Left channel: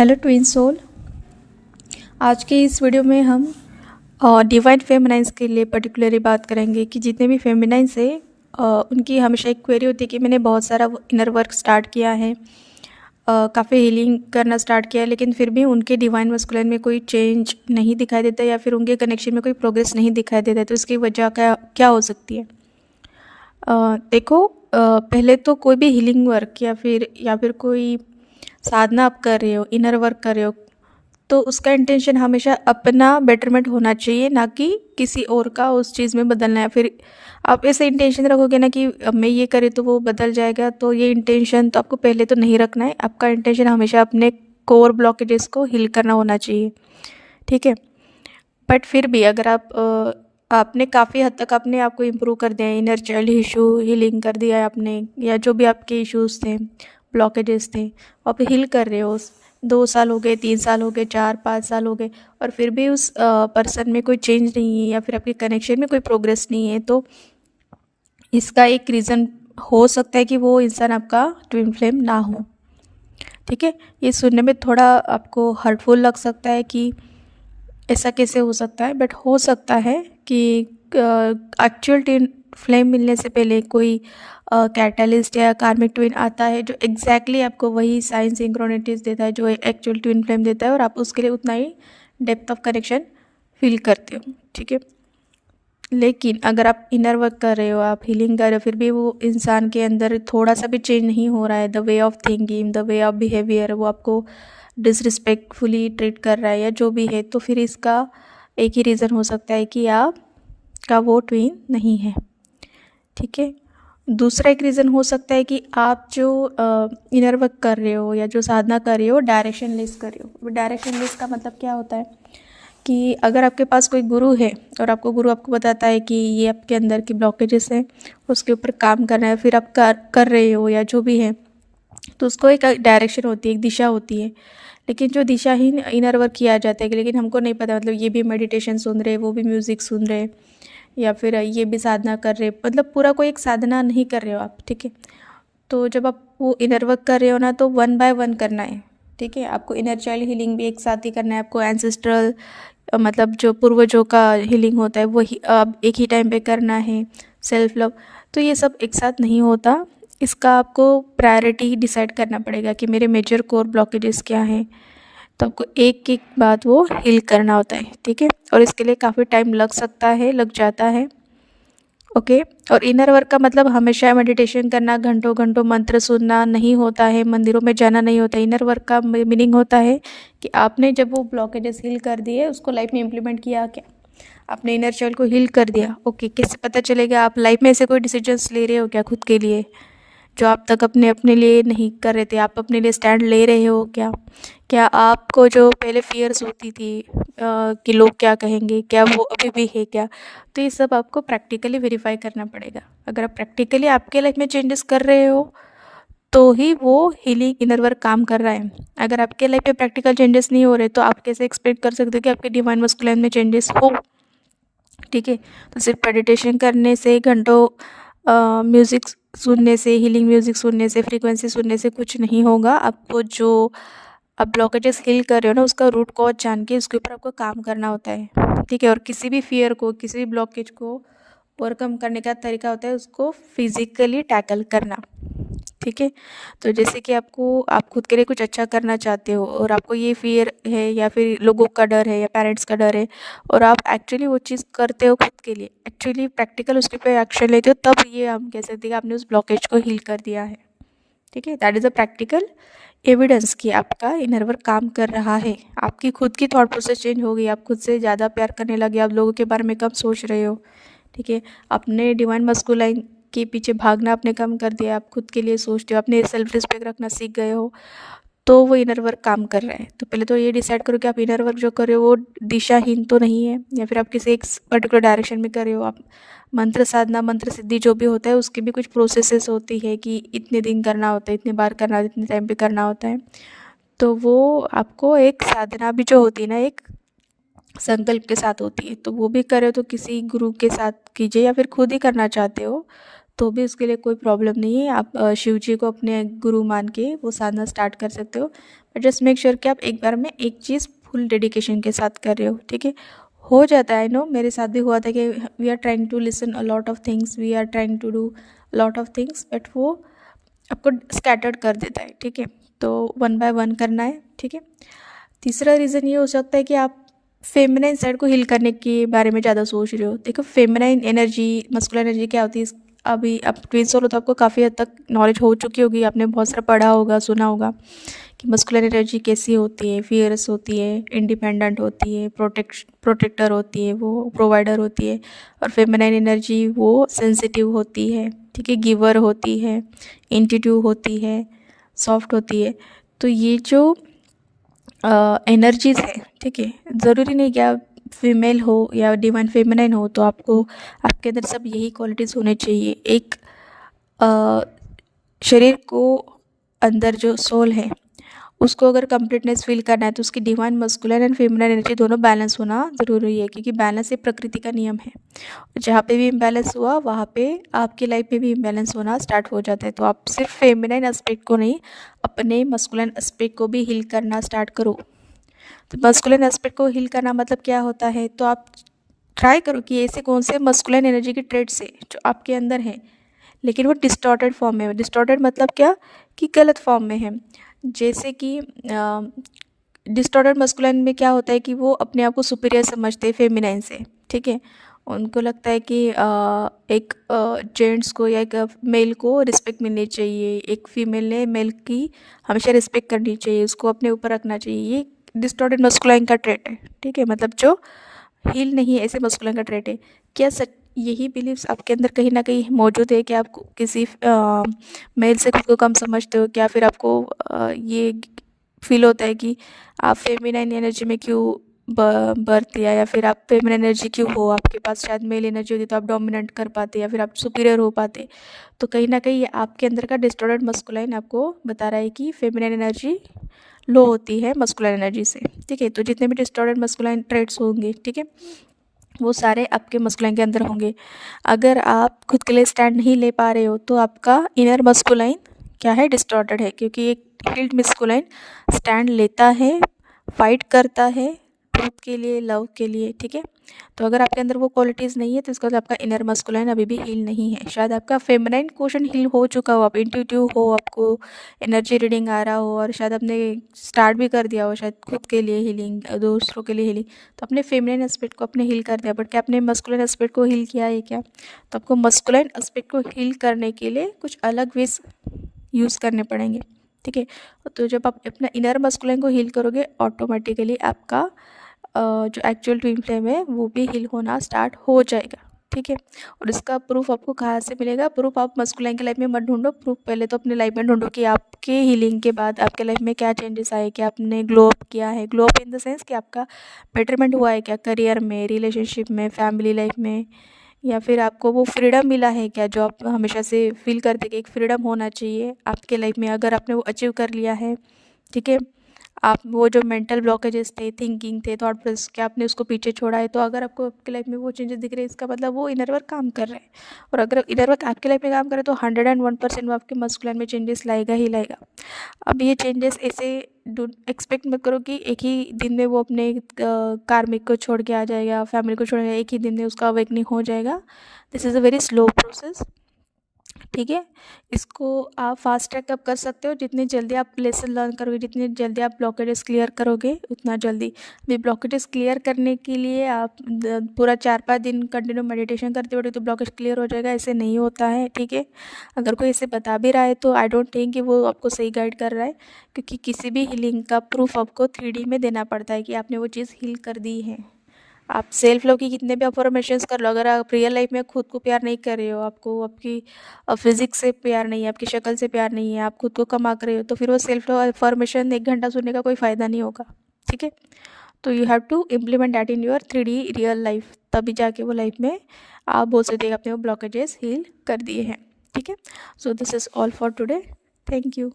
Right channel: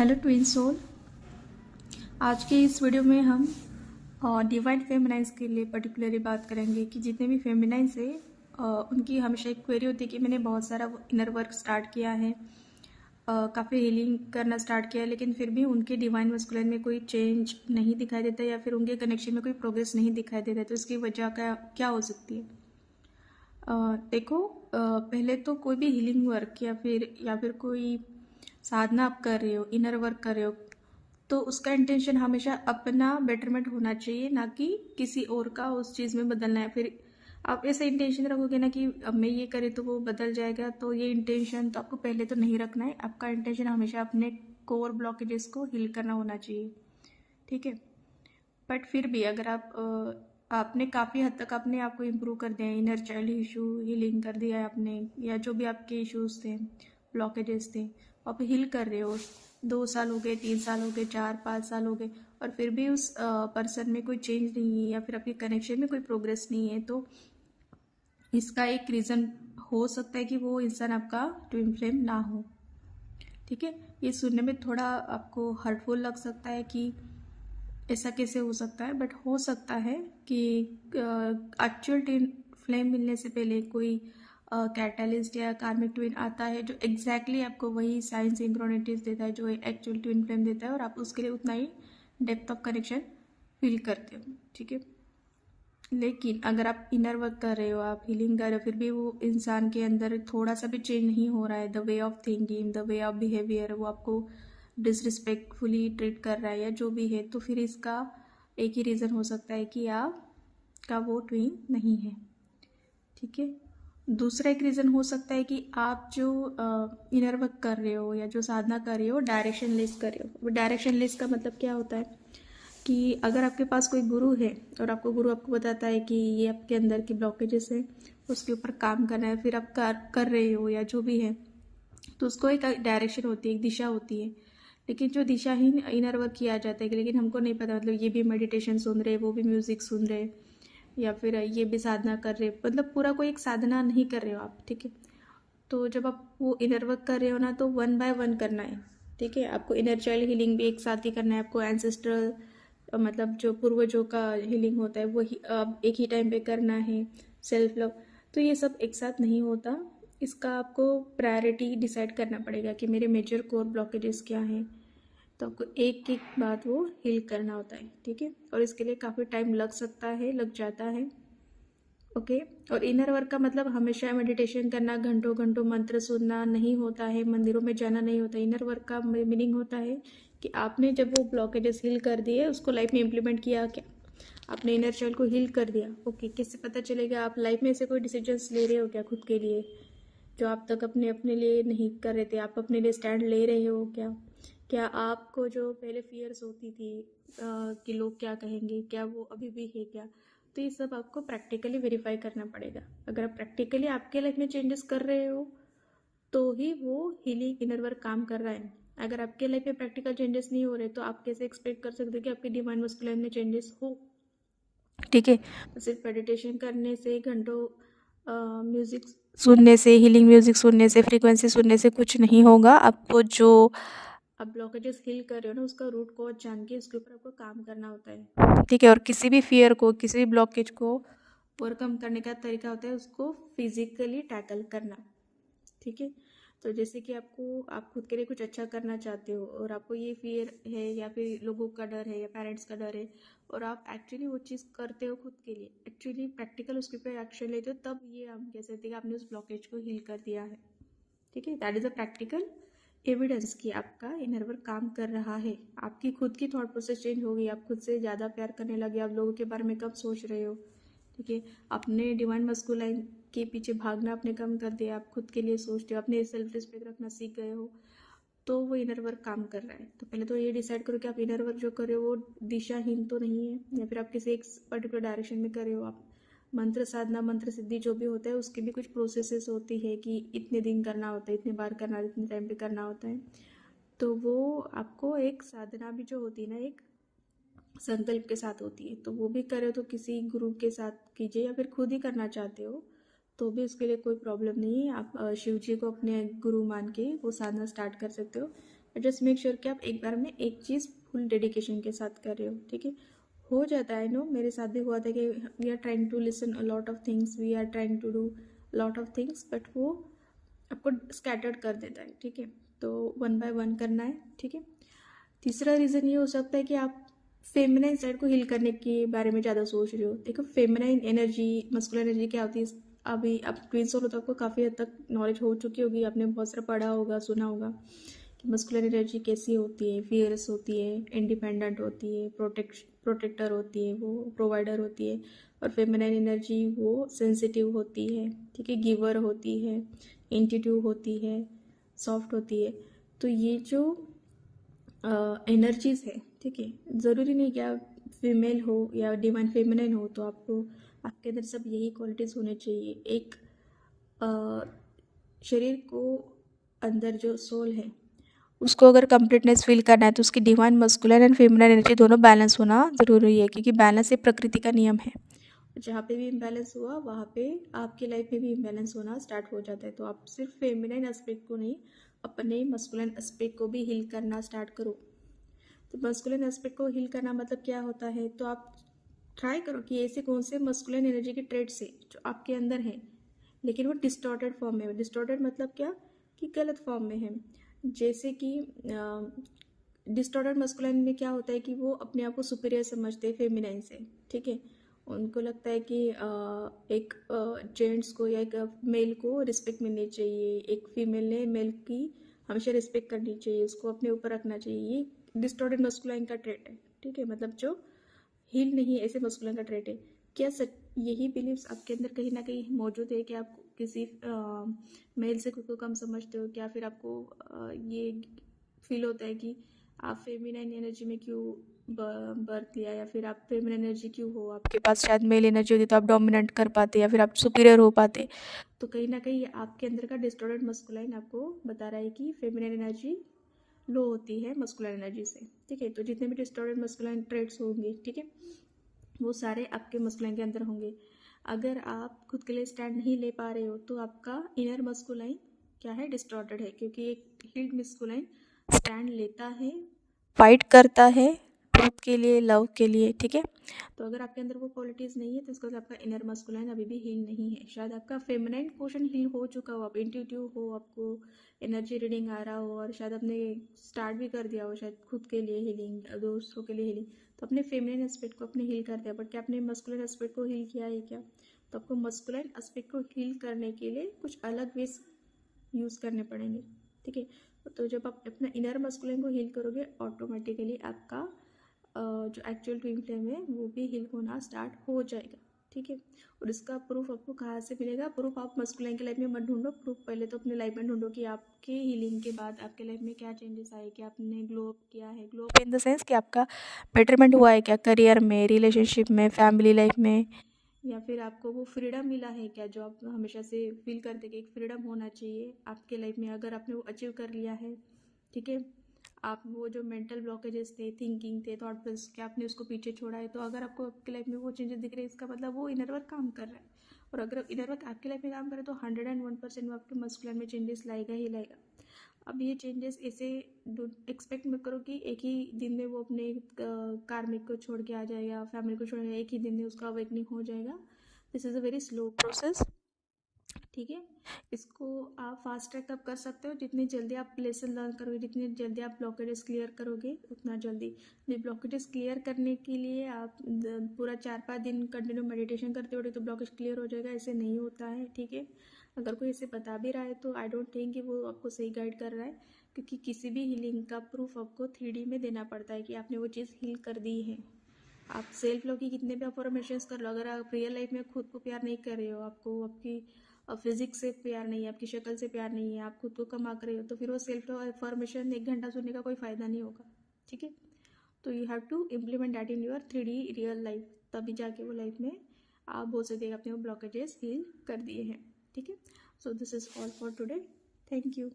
Hello twin soul. आज के इस वीडियो में हम डिवाइन फेमिनाइंस के लिए पर्टिकुलरली बात करेंगे कि जितने भी फेमिनाइंस है उनकी हमेशा एक क्वेरी होती है कि मैंने बहुत सारा इनर वर्क स्टार्ट किया है, काफ़ी हीलिंग करना स्टार्ट किया है, लेकिन फिर भी उनके डिवाइन मस्कुलिन में कोई चेंज नहीं दिखाई देता या फिर उनके कनेक्शन में कोई प्रोग्रेस नहीं दिखाई देता। तो इसकी वजह क्या क्या हो सकती है? देखो, पहले तो कोई भी हीलिंग वर्क या फिर कोई साधना आप कर रहे हो, इनर वर्क कर रहे हो, तो उसका इंटेंशन हमेशा अपना बेटरमेंट होना चाहिए, ना कि किसी और का उस चीज़ में बदलना है। फिर आप ऐसे इंटेंशन रखोगे ना कि अब मैं ये करे तो वो बदल जाएगा, तो ये इंटेंशन तो आपको पहले तो नहीं रखना है। आपका इंटेंशन हमेशा अपने कोर ब्लॉकेजेस को हील करना होना चाहिए, ठीक है। बट फिर भी अगर आपने काफ़ी हद तक अपने आप को इम्प्रूव कर दिया है, इनर चाइल्ड इशू हीलिंग कर दिया है आपने, या जो भी आपके इश्यूज़ थे, ब्लॉकेजेस थे, आप हील कर रहे हो। 2 साल हो गए, 3 साल हो गए, 4-5 साल हो गए, और फिर भी उस पर्सन में कोई चेंज नहीं है या फिर आपके कनेक्शन में कोई प्रोग्रेस नहीं है, तो इसका एक रीज़न हो सकता है कि वो इंसान आपका ट्विन फ्लेम ना हो, ठीक है। ये सुनने में थोड़ा आपको हर्टफुल लग सकता है कि ऐसा कैसे हो सकता है, बट हो सकता है कि एक्चुअल ट्विन फ्लेम मिलने से पहले कोई कैटलिस्ट या कार्मिक ट्विन आता है जो एग्जैक्टली आपको वही साइन सिंक्रोनिटीज देता है जो एक्चुअल ट्विन फ्लेम देता है, और आप उसके लिए उतना ही डेप्थ ऑफ कनेक्शन फील करते हो, ठीक है। लेकिन अगर आप इनर वर्क कर रहे हो, आप हीलिंग कर रहे हो, फिर भी वो इंसान के अंदर थोड़ा सा भी चेंज नहीं हो रहा है, the way of thinking, the way of behaviour, वो आपको डिसरिस्पेक्टफुली ट्रीट कर रहा है या जो भी है, तो फिर इसका एक ही रीज़न हो सकता है कि आपका वो ट्विन नहीं है, ठीक है। दूसरा एक रीज़न हो सकता है कि आप जो इनर वर्क कर रहे हो या जो साधना कर रहे हो डायरेक्शन लेस कर रहे हो। डायरेक्शन लेस का मतलब क्या होता है कि अगर आपके पास कोई गुरु है और गुरु आपको बताता है कि ये आपके अंदर की ब्लॉकेजेस हैं, उसके ऊपर काम करना है, फिर आप कर रहे हो या जो भी है, तो उसको एक डायरेक्शन होती है, एक दिशा होती है। लेकिन जो दिशाहीन इनर वर्क किया जाता है, लेकिन हमको नहीं पता, मतलब ये भी मेडिटेशन सुन रहे, वो भी म्यूज़िक सुन रहे, या फिर ये भी साधना कर रहे, मतलब पूरा कोई एक साधना नहीं कर रहे हो आप, ठीक है। तो जब आप वो इनर वर्क कर रहे हो ना, तो 1 बाय 1 करना है, ठीक है। आपको इनर चाइल्ड हीलिंग भी एक साथ ही करना है, आपको एंसेस्ट्रल मतलब जो पूर्वजों का हीलिंग होता है वो एक ही टाइम पे करना है, सेल्फ लव, तो ये सब एक साथ नहीं होता। इसका आपको प्रायोरिटी डिसाइड करना पड़ेगा कि मेरे मेजर कोर ब्लॉकेजेस क्या हैं, तो आपको एक एक बात वो हील करना होता है, ठीक है। और इसके लिए काफ़ी टाइम लग सकता है, लग जाता है, ओके। और इनर वर्क का मतलब हमेशा मेडिटेशन करना, घंटों घंटों मंत्र सुनना नहीं होता है, मंदिरों में जाना नहीं होता। इनर वर्क का मीनिंग होता है कि आपने जब वो ब्लॉकेजेस हील कर दिए, उसको लाइफ में इम्प्लीमेंट किया, क्या आपने इनर चाइल्ड को हील कर दिया, ओके। कैसे पता चलेगा? आप लाइफ में ऐसे कोई डिसीजंस ले रहे हो क्या खुद के लिए जो आप तक अपने अपने लिए नहीं कर रहे थे? आप अपने लिए स्टैंड ले रहे हो क्या? क्या आपको जो पहले फियर्स होती थी कि लोग क्या कहेंगे, क्या वो अभी भी है क्या? तो ये सब आपको प्रैक्टिकली वेरीफाई करना पड़ेगा। अगर आप प्रैक्टिकली आपके लाइफ में चेंजेस कर रहे हो तो ही वो हीलिंग इनर वर्क काम कर रहा है। अगर आपके लाइफ में प्रैक्टिकल चेंजेस नहीं हो रहे, तो आप कैसे एक्सपेक्ट कर सकते हो कि आपके डिवाइन मस्कुलिन में चेंजेस हो, ठीक है। तो सिर्फ मेडिटेशन करने से, घंटों म्यूज़िक सुनने से, हीलिंग म्यूज़िक सुनने से, फ्रीक्वेंसी सुनने से कुछ नहीं होगा। आपको जो आप ब्लॉकेजेस हील कर रहे हो ना, उसका रूट कॉज जान के उसके ऊपर आपको काम करना होता है, ठीक है। और किसी भी फियर को, किसी भी ब्लॉकेज को ओवरकम करने का तरीका होता है उसको फिजिकली टैकल करना, ठीक है। तो जैसे कि आप खुद के लिए कुछ अच्छा करना चाहते हो और आपको ये फियर है या फिर लोगों का डर है या पेरेंट्स का डर है, और आप एक्चुअली वो चीज़ करते हो खुद के लिए, एक्चुअली प्रैक्टिकल उसके पे एक्शन लेते हो, तब ये हम कह सकते हैं कि आपने उस ब्लॉकेज को हील कर दिया है, ठीक है। That is a practical evidence कि आपका इनर वर्क काम कर रहा है। आपकी खुद की थॉट प्रोसेस चेंज हो गई, आप खुद से ज़्यादा प्यार करने लगे, आप लोगों के बारे में कम सोच रहे हो, ठीक है। अपने डिवाइन मस्कुलाइन के पीछे भागना आपने कम कर दिया, आप खुद के लिए सोचते हो, अपने सेल्फ रिस्पेक्ट रखना सीख गए हो, तो वो इनर वर्क काम कर रहा है। तो पहले तो ये डिसाइड करो कि आप इनर वर्क जो कर रहे हो वो दिशाहीन तो नहीं है, या फिर आप किसी एक पर्टिकुलर डायरेक्शन में कर रहे हो। आप मंत्र साधना, मंत्र सिद्धि जो भी होता है उसकी भी कुछ प्रोसेसेस होती है कि इतने दिन करना होता है, इतने बार करना होता है, इतने टाइम पे करना होता है। तो वो आपको एक साधना भी जो होती है ना, एक संकल्प के साथ होती है, तो वो भी करो तो किसी गुरु के साथ कीजिए, या फिर खुद ही करना चाहते हो तो भी उसके लिए कोई प्रॉब्लम नहीं है। आप शिव जी को अपने गुरु मान के वो साधना स्टार्ट कर सकते हो। बट जस्ट मेक श्योर कि आप एक बार में एक चीज़ फुल डेडिकेशन के साथ कर रहे हो, ठीक है। हो जाता है, आई नो, मेरे साथ भी हुआ था कि we are trying to listen a lot of things, we are trying to do lot of things, but वो आपको स्कैटर्ड कर देता है, ठीक है। तो वन बाय वन करना है, ठीक है। तीसरा रीज़न ये हो सकता है कि आप फेमिनाइन साइड को हील करने के बारे में ज़्यादा सोच रहे हो। देखो, फेमिनाइन एनर्जी, मस्कुलिन एनर्जी क्या होती है, अभी आप ट्विंस हो तो आपको काफ़ी हद तक नॉलेज हो चुकी होगी, आपने बहुत सारा पढ़ा होगा, सुना होगा कि मस्कुलिन एनर्जी कैसी होती है, फियरस होती है, इंडिपेंडेंट होती है, प्रोटेक्टर होती है, वो प्रोवाइडर होती है। और फेमिनाइन एनर्जी वो सेंसिटिव होती है, ठीक है, गिवर होती है, इंट्यूटिव होती है, सॉफ्ट होती है। तो ये जो एनर्जीज़ है, ठीक है, ज़रूरी नहीं कि आप फीमेल हो या डिवाइन फेमिनाइन हो तो आपको आपके अंदर सब यही क्वालिटीज़ होने चाहिए। एक शरीर को अंदर जो सोल है उसको अगर कंप्लीटनेस फील करना है तो उसकी divine masculine and feminine energy दोनों बैलेंस होना ज़रूरी है, क्योंकि बैलेंस एक प्रकृति का नियम है। जहाँ पे भी इम्बैलेंस हुआ वहाँ पे आपकी लाइफ में भी इम्बैलेंस होना स्टार्ट हो जाता है। तो आप सिर्फ फेमिनाइन एस्पेक्ट को नहीं, अपने मस्कुलिन एस्पेक्ट को भी हील करना स्टार्ट करो। तो मस्कुलिन एस्पेक्ट को हील करना मतलब क्या होता है, तो आप ट्राई करो कि ऐसे कौन से मस्कुलिन एनर्जी के ट्रेड्स है जो आपके अंदर हैं लेकिन वो डिस्टॉर्टेड फॉर्म में है। डिस्टॉर्टेड मतलब क्या, कि गलत फॉर्म में है। जैसे कि डिस्टॉर्टेड मस्कुलिन में क्या होता है कि वो अपने आप को सुपीरियर समझते हैं फेमिनाइन से, ठीक है। उनको लगता है कि एक जेंट्स को या एक मेल को रिस्पेक्ट मिलनी चाहिए, एक फीमेल ने मेल की हमेशा रिस्पेक्ट करनी चाहिए, उसको अपने ऊपर रखना चाहिए। ये डिस्टॉर्टेड मस्कुलिन का ट्रेट है, ठीक है, मतलब जो हील नहीं है ऐसे मस्कुलिन का ट्रेट है। क्या सच यही बिलीव्स आपके अंदर कहीं ना कहीं मौजूद है कि आप किसी मेल से खुद को कम समझते हो, क्या फिर आपको ये फील होता है कि आप फेमिनाइन एनर्जी में क्यों बर्थ लिया, या फिर आप फेमिनाइन एनर्जी क्यों हो, आपके पास शायद मेल एनर्जी होती तो आप डोमिनेंट कर पाते या फिर आप सुपीरियर हो पाते। तो कहीं ना कहीं ये आपके अंदर का डिस्टॉर्टेड मस्कुलाइन आपको बता रहा है कि फेमिनाइन एनर्जी लो होती है मस्कुलाइन एनर्जी से, ठीक है। तो जितने भी डिस्टॉर्टेड मस्कुलाइन ट्रेट्स होंगे, ठीक है, वो सारे आपके मस्कुलाइन के अंदर होंगे। अगर आप खुद के लिए स्टैंड नहीं ले पा रहे हो तो आपका इनर मस्कुलाइन क्या है, डिस्टॉर्टेड है, क्योंकि एक हील्ड मस्कुलाइन स्टैंड लेता है, फाइट करता है ट्रूथ के लिए, लव के लिए, ठीक है। तो अगर आपके अंदर वो क्वालिटीज़ नहीं है तो इसका मतलब आपका इनर मस्कुलाइन अभी भी हील नहीं है। शायद आपका फेमिनाइन क्वेश्चन हील हो चुका हो, आप इंट्यूटिव हो, आपको एनर्जी रीडिंग आ रहा हो और शायद आपने स्टार्ट भी कर दिया हो शायद खुद के लिए हीलिंग, दूसरों के लिए हीलिंग, तो अपने फेमिनाइन एस्पेक्ट को अपने हील कर दिया। बट क्या आपने मस्कुलाइन एस्पेक्ट को हील किया है क्या? तो आपको मस्कुलाइन एस्पेक्ट को हील करने के लिए कुछ अलग वेज यूज़ करने पड़ेंगे, ठीक है। तो जब आप अपना इनर मस्कुलाइन को हील करोगे ऑटोमेटिकली आपका जो एक्चुअल ट्विन फ्लेम है वो भी हील होना स्टार्ट हो जाएगा, ठीक है। और इसका प्रूफ आपको कहाँ से मिलेगा? प्रूफ आप मस्कुलाइन की लाइफ में मत ढूंढो, प्रूफ पहले तो अपने लाइफ में ढूंढो कि आपके हीलिंग के बाद आपके लाइफ में क्या चेंजेस आए, कि आपने ग्लो अप किया है, glow up in the sense कि आपका बेटरमेंट हुआ है क्या करियर में, रिलेशनशिप में, फैमिली लाइफ में, या फिर आपको वो फ्रीडम मिला है क्या जो आप हमेशा से फील करते कि एक फ्रीडम होना चाहिए आपके लाइफ में, अगर आपने वो अचीव कर लिया है, ठीक है। आप वो जो मेंटल ब्लॉकेजेस थे, थिंकिंग थे, थॉट प्रोसेस के, आपने उसको पीछे छोड़ा है, तो अगर आपको आपकी लाइफ में वो चेंजेस दिख रहे हैं इसका मतलब वो इनर वर्क काम कर रहा है। और अगर इनर वर्क आपकी लाइफ में काम करे तो 101% वो आपके मस्कुलाइन में चेंजेस लाएगा ही लाएगा। अब ये चेंजेस ऐसे एक्सपेक्ट मत करो कि एक ही दिन में वो अपने कार्मिक को छोड़ के आ जाएगा, फैमिली को छोड़ के एक ही दिन में उसका अवेकनिंग हो जाएगा। This is a very slow process, ठीक है। इसको आप फास्ट ट्रैक अप कर सकते हो, जितनी जल्दी आप लेसन लर्न करोगे, जितनी जल्दी आप ब्लॉकेजेस क्लियर करोगे उतना जल्दी। भी ब्लॉकेजेस क्लियर करने के लिए आप पूरा 4-5 दिन कंटिन्यू मेडिटेशन करते हो तो ब्लॉकेज क्लियर हो जाएगा, ऐसे नहीं होता है, ठीक है। अगर कोई ऐसे बता भी रहा है तो आई डोंट थिंक कि वो आपको सही गाइड कर रहा है, क्योंकि किसी भी हीलिंग का प्रूफ आपको 3D में देना पड़ता है कि आपने वो चीज़ हील कर दी है। आप सेल्फ लव की कितने भी अफर्मेशंस कर लो, अगर आप रियल लाइफ में खुद को प्यार नहीं कर रहे हो, आपको आपकी फिजिक्स से प्यार नहीं है, आपकी शक्ल से प्यार नहीं है, आप खुद को कम आंक रहे हो, तो फिर वो सेल्फ लव अफर्मेशन 1 घंटा सुनने का कोई फ़ायदा नहीं होगा, ठीक है। तो you have to implement that in your 3D real life, तभी जाके वो लाइफ में आप बोल सकते हैं अपने वो ब्लॉकेजेस हील कर दिए हैं, ठीक है। So this is all for today, thank you.